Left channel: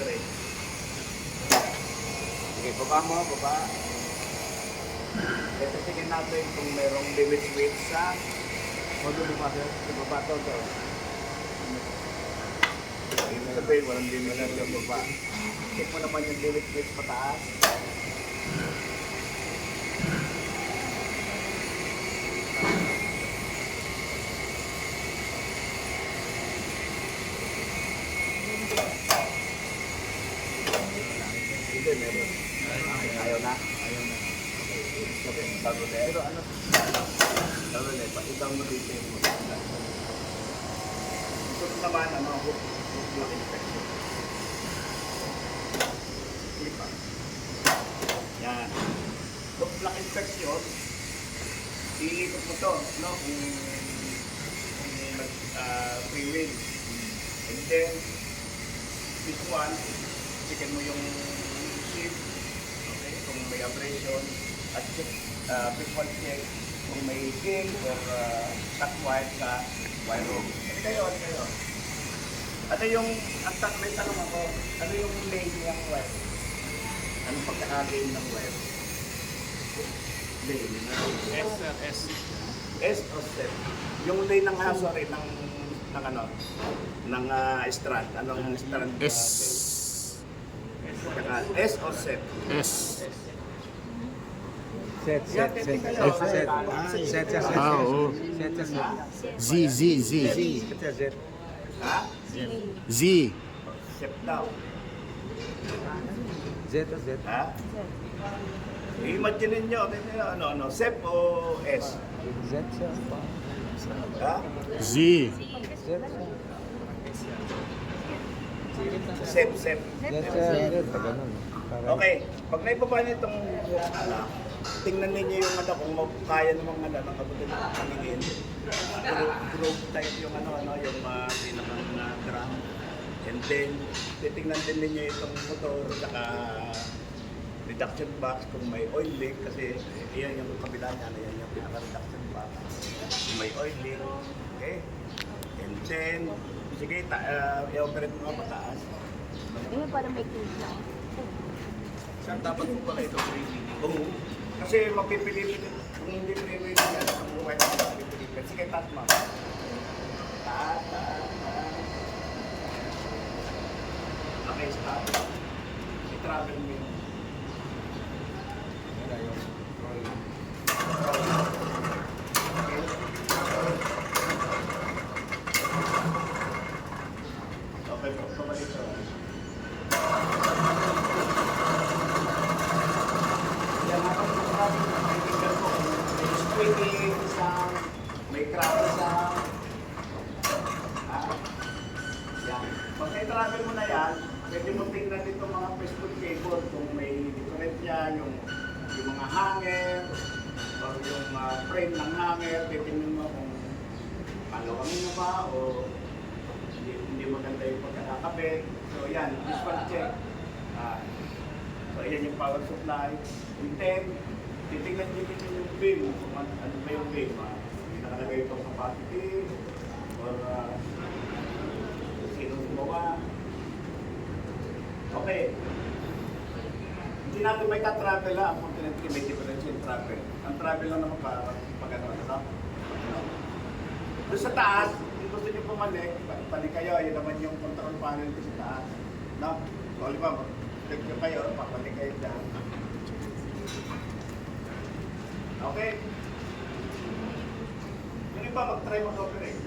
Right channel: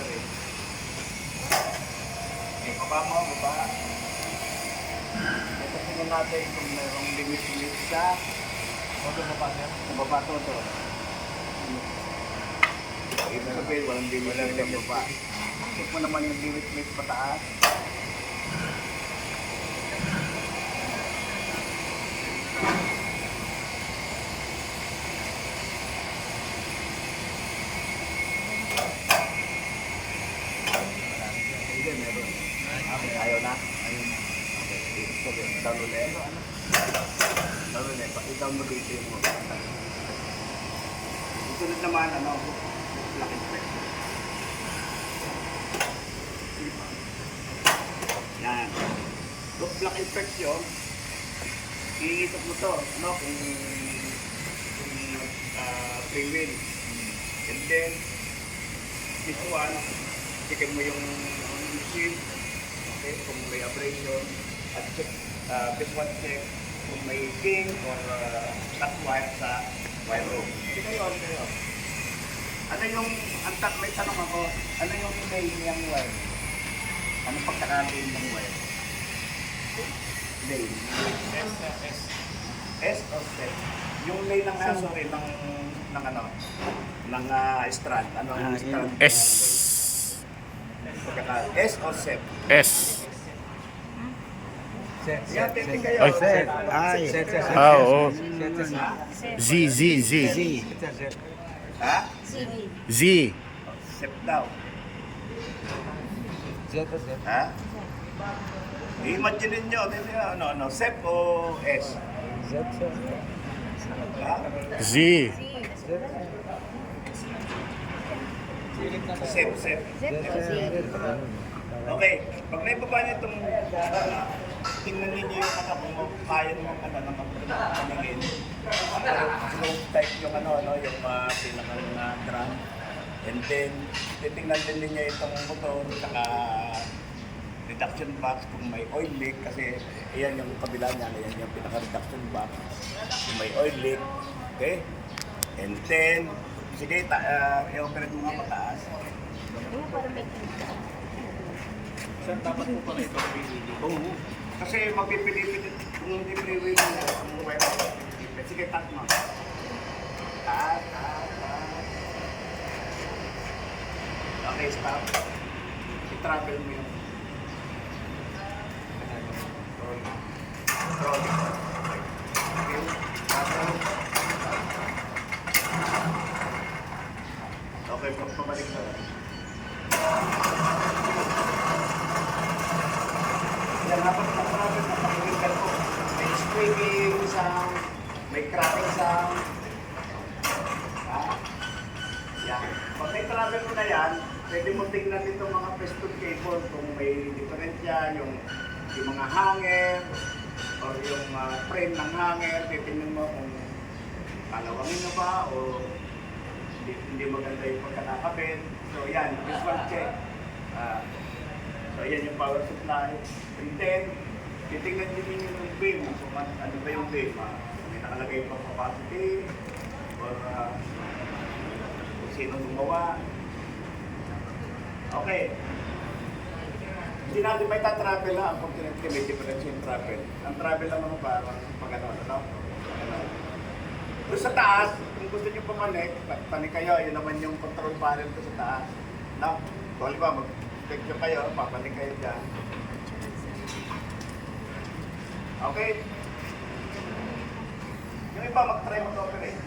pre. Sige, baba mo, baba. Ito natin kung mayroong limit weight sa baba to. Baba to. Yung sabihin, walang limit weight baba. Check mo naman yung limit weight pataas. Ayaw na. Pero ano? Pakita mo dito mo. Sunod naman, hook lock inspection. Yan. Hook lock inspection. Iikot mo to, kung free wheel. And then, this one, checkin mo yung machine. Okay, kung may abrasion. At this one check kung may ping or cut wire sa wire rope. Ngayon. Ano yung, may tanong ako, ano yung lane ng wire? Ano pagkakain ng wire? Lane. S. S o S. Yung lane ng ng strand. Anong strand? S. S o set? S. Set. Ay. Set. Ah, oo. Z. Ha? Z. Set daw. Z. Ha? I-imagine nyo, set o S? Ha? Z. Set. Okay, pag naibaba niyo itong tingnan ninyo yung kung kaya naman ng kabuti ng paningin. Slow type yung yung pinakang drum. And then, titingnan din ninyo itong motor, saka reduction box kung may oil leak, kasi iyan yung kabila niya, iyan yung pinaka-reduction box. Kung may oil leak, okay? And then, sige, i-operate mo nga pataas. Ano para may clean? Saan dapat mo pa ito pinili? Oo. Kasi mapipili-pili, kung hindi free-wheel na, kung may mapipili-pili. Sige, taas mo. Taas. Okay, stop. I-travel mo yung trolley. Okay, pabalik sa dapat sa travel na pakikinggan ko. May squeaking sound, may cracking sound. Yan. Pag na-travel mo na yan, pwede mo tingnan dito mga piston cable kung may diferensya, yung mga hanger, or yung frame ng hanger, titingnan mo kung kalawangin na ba, o hindi maganda yung pagkakakabit. So yan, visual check. So yan yung power supply. And then, titingnan din yung beam, kung ano ba yung beam. May nakalagay pa capacity, or sinong gumawa. Okay. Hindi natin may ta-travel lang, unfortunately may difference yung travel. Ang travel lang naman parang pag doon sa taas, kung gusto nyo pumanik, panik kayo, yun naman yung control panel ko sa taas. So, halimbawa, mag-check kayo, papanik kayo dyan. Okay. Yung iba mag-try mag-operate.